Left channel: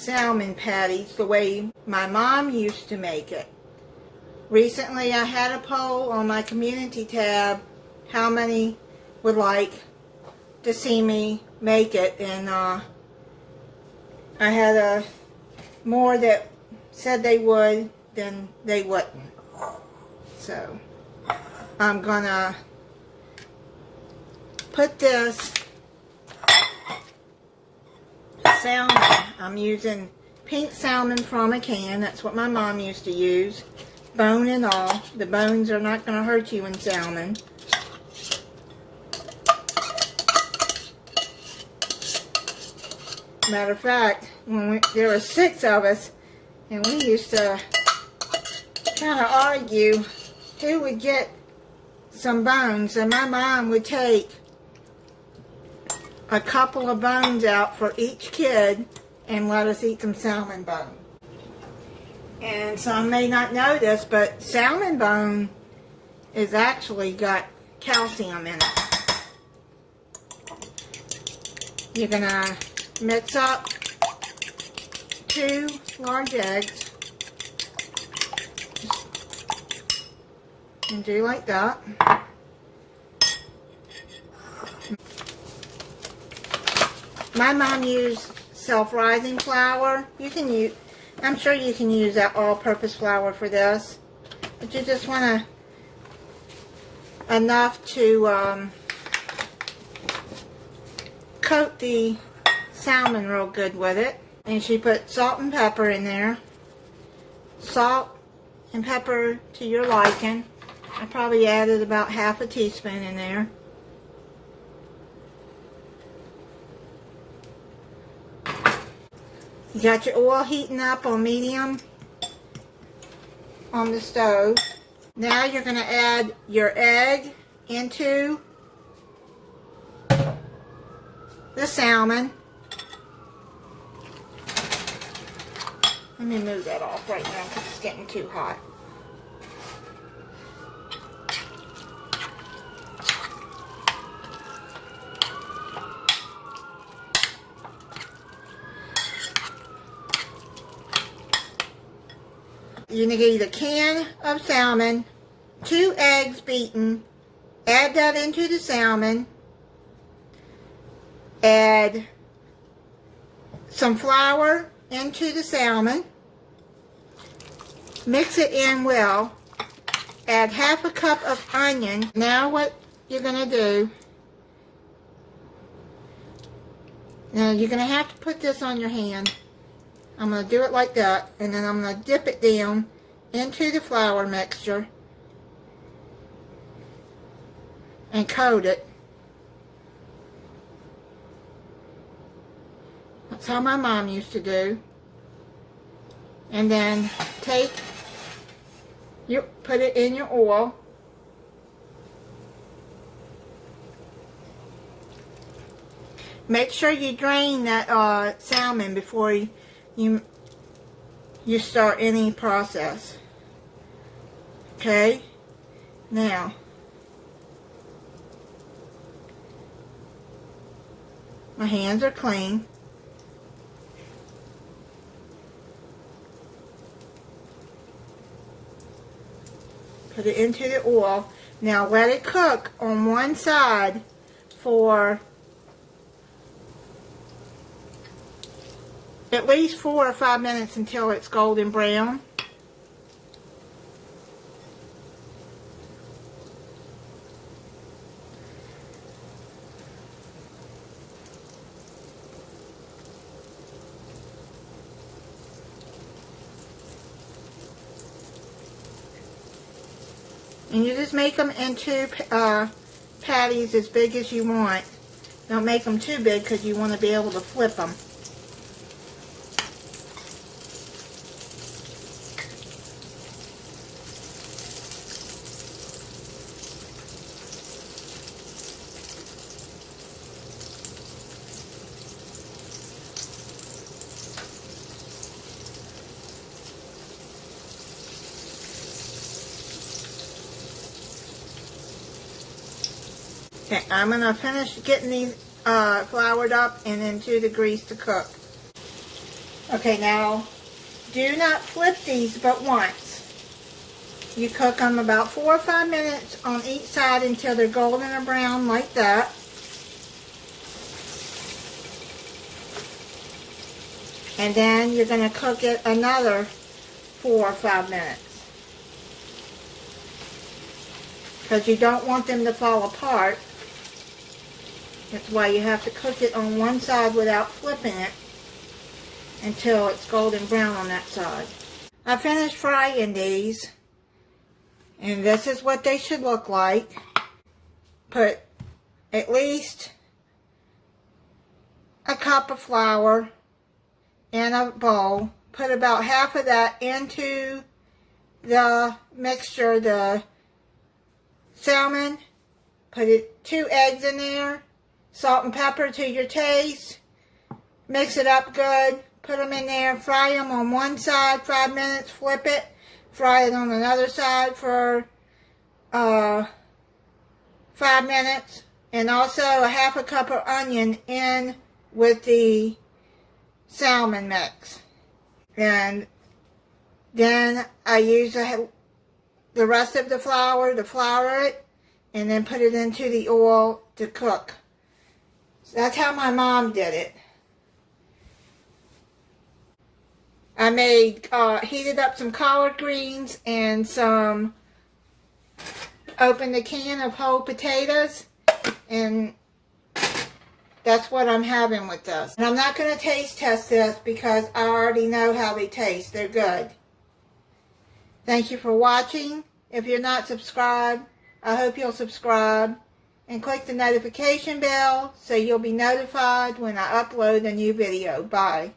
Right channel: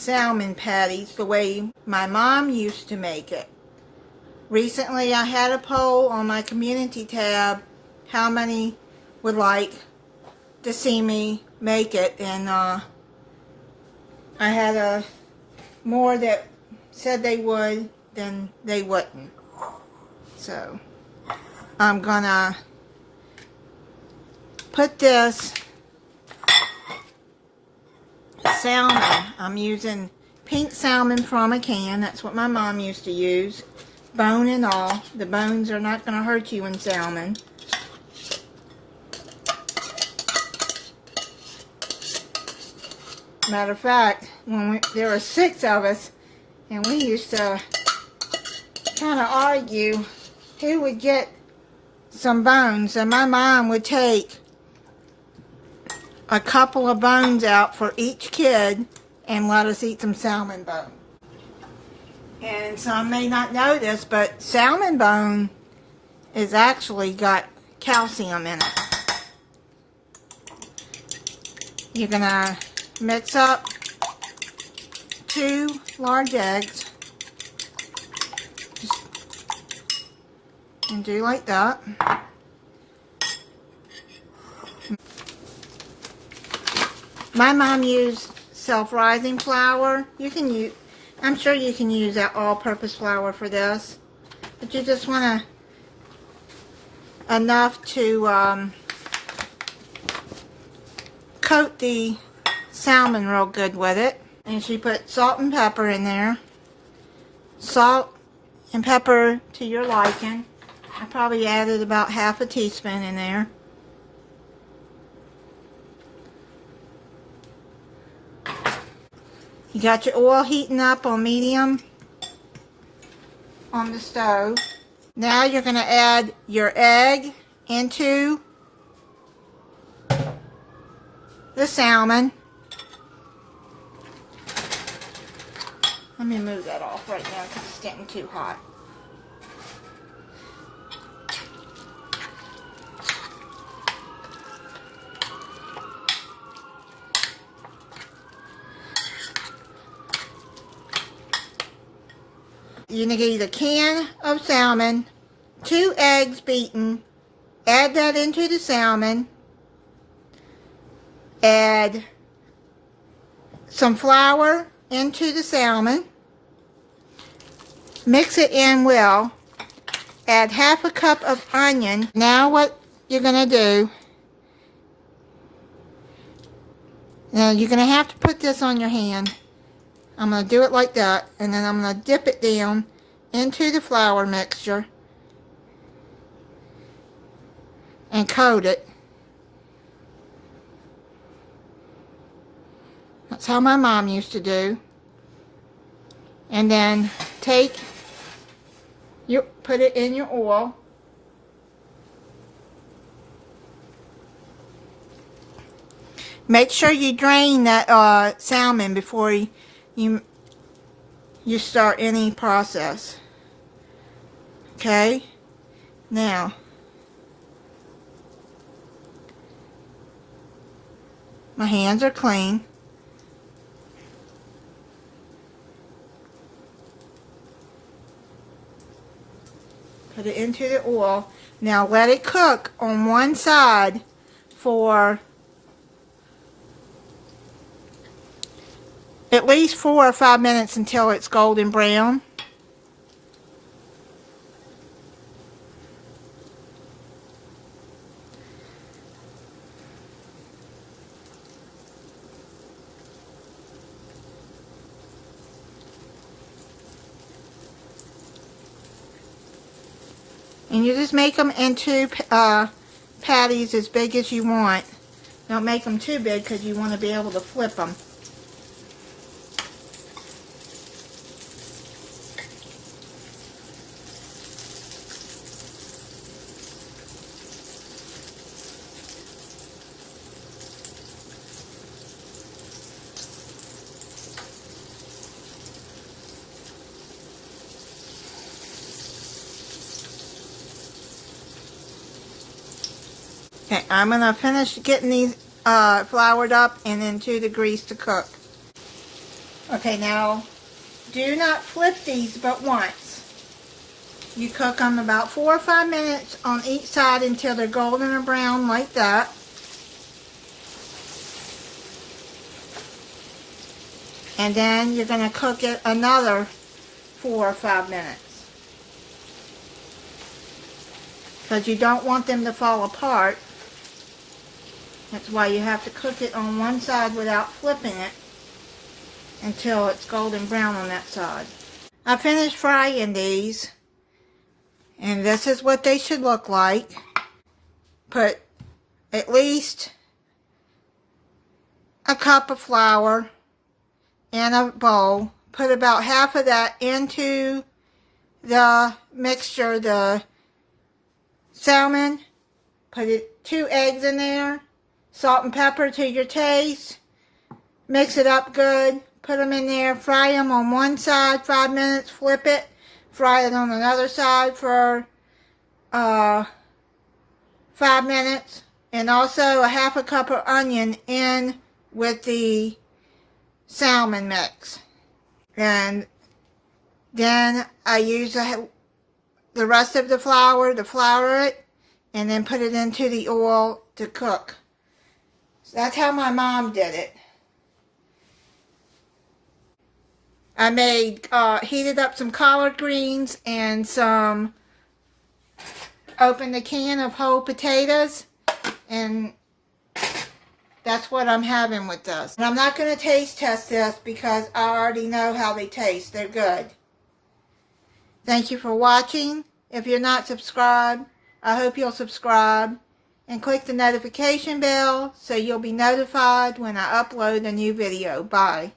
salmon patties the way my mom used to make it. Recently I had a poll on my community tab how many would like to see me make it, and I had more that said they would than they wouldn't. So I'm gonna put this salmon, I'm using pink salmon from a can, that's what my mom used to use, bone and all. The bones are not going to hurt you in salmon. Matter of fact, there were 6 of us, and we used to kind of argue who would get some bones, and my mom would take a couple of bones out for each kid and let us eat some salmon bone. And some may not know this, but salmon bone is actually got calcium in it. You're gonna mix up 2 large eggs and do like that. My mom used self-rising flour. You can use, I'm sure you can use that all-purpose flour for this, but you just want enough to coat the salmon real good with it. And she put salt and pepper in there. Salt and pepper to your liking. I probably added about ½ teaspoon in there. You got your oil heating up on medium on the stove. Now you're going to add your egg into the salmon. Let me move that off right now because it's getting too hot. You're going to get a can of salmon, 2 eggs beaten, add that into the salmon, add some flour into the salmon, mix it in well, add ½ cup of onion. Now what you're going to do, now you're going to have to put this on your hand. I'm going to do it like that, and then I'm going to dip it down into the flour mixture and coat it. That's how my mom used to do. And then put it in your oil. Make sure you drain that salmon before you start any process. Okay? Now, my hands are clean. Put it into the oil. Now let it cook on one side for at least 4 or 5 minutes until it's golden brown. And you just make them into patties as big as you want. Don't make them too big because you want to be able to flip them. Okay, I'm going to finish getting these floured up and into the grease to cook. Okay, now do not flip these but once. You cook them about 4 or 5 minutes on each side until they're golden or brown like that. And then you're going to cook it another 4 or 5 minutes. Because you don't want them to fall apart. That's why you have to cook it on one side without flipping it until it's golden brown on that side. I finished frying these, and this is what they should look like. Put at least a cup of flour in a bowl. Put about half of that into the mixture, the salmon. Put 2 eggs in there. Salt and pepper to your taste. Mix it up good. Put them in there. Fry them on one side 5 minutes. Flip it. Fry it on another side for 5 minutes. And also a half a cup of onion in with the salmon mix. And then I use the rest of the flour to flour it and then put it into the oil to cook. So that's how my mom did it. I heated up some collard greens and opened a can of whole potatoes, and that's what I'm having with this. And I'm not going to taste test this because I already know how they taste. They're good. Thank you for watching. If you're not subscribed, I hope you'll subscribe and click the notification bell so you'll be notified when I upload a new video. Bye.